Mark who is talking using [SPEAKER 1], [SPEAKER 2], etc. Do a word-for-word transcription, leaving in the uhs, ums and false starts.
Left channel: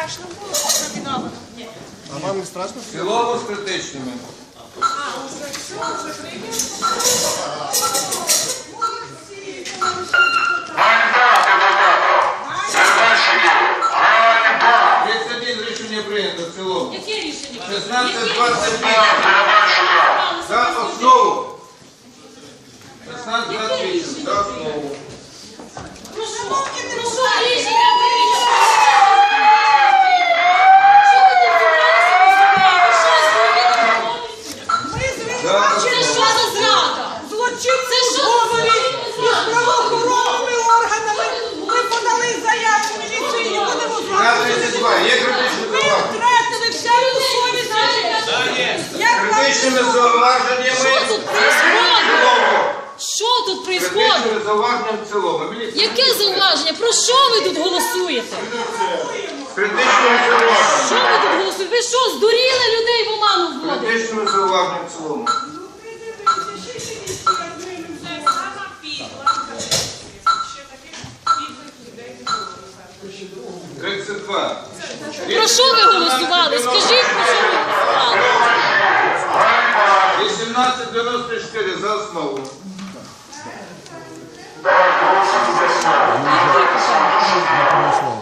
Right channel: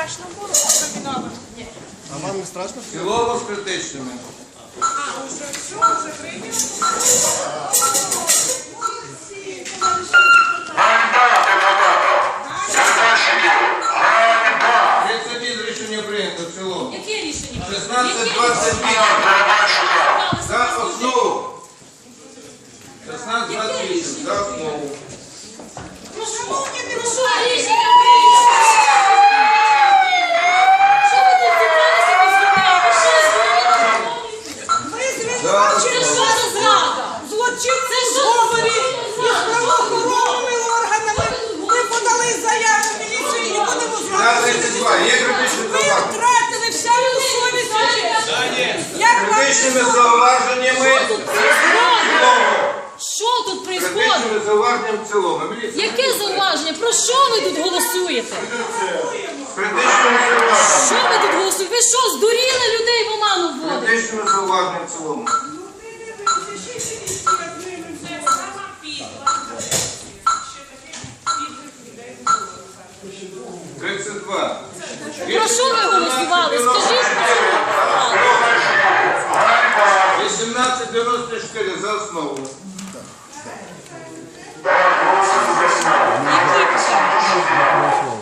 [SPEAKER 1] страшно було, що виноват.
[SPEAKER 2] А вам не страшно?
[SPEAKER 3] В цілому з критичними.
[SPEAKER 1] А, уже все, вже прийняли.
[SPEAKER 3] тридцять один рішення прийнято в цілому.
[SPEAKER 4] Яке рішення?
[SPEAKER 3] шістнадцять двадцять вісім. За основу. шістнадцять двадцять вісім. За основу.
[SPEAKER 1] Шановні
[SPEAKER 4] Що
[SPEAKER 1] депутати,
[SPEAKER 4] рішення прийнято? Що ви тут зібралися розмовляти? Ви що, здуріли?
[SPEAKER 1] ми
[SPEAKER 4] Це
[SPEAKER 1] звинувачуємо
[SPEAKER 4] що за зрада?
[SPEAKER 1] злочинці
[SPEAKER 4] Це що
[SPEAKER 1] зговорі
[SPEAKER 4] за
[SPEAKER 1] із
[SPEAKER 4] зрада?
[SPEAKER 1] правоохоронними органами. Ми подали заяву в міліцію і не будемо
[SPEAKER 3] тридцять два. Є критичні
[SPEAKER 1] Ви
[SPEAKER 3] зауваження?
[SPEAKER 1] втратили всяку совість. Як вам
[SPEAKER 3] Критичними
[SPEAKER 1] не
[SPEAKER 3] зауваженнями.
[SPEAKER 4] Що тут происходить? Що тут происходить?
[SPEAKER 3] Критичними зауваженнями в цілому. Міліція.
[SPEAKER 4] Яке зауваження? Про що ви тут голосуєте?
[SPEAKER 3] Критичними зауваженнями.
[SPEAKER 4] Що ви тут голосуєте? Ви що, здуріли людей в оману вводити?
[SPEAKER 3] Критичними зауваженнями в цілому.
[SPEAKER 1] Це сама підла. Ще таких підлих людей не було.
[SPEAKER 3] тридцять два.
[SPEAKER 4] Про що ви голосували? Скажіть, про що ви голосували?
[SPEAKER 3] вісімнадцять дев'яносто чотири за основу.
[SPEAKER 2] Голосуємо за основу.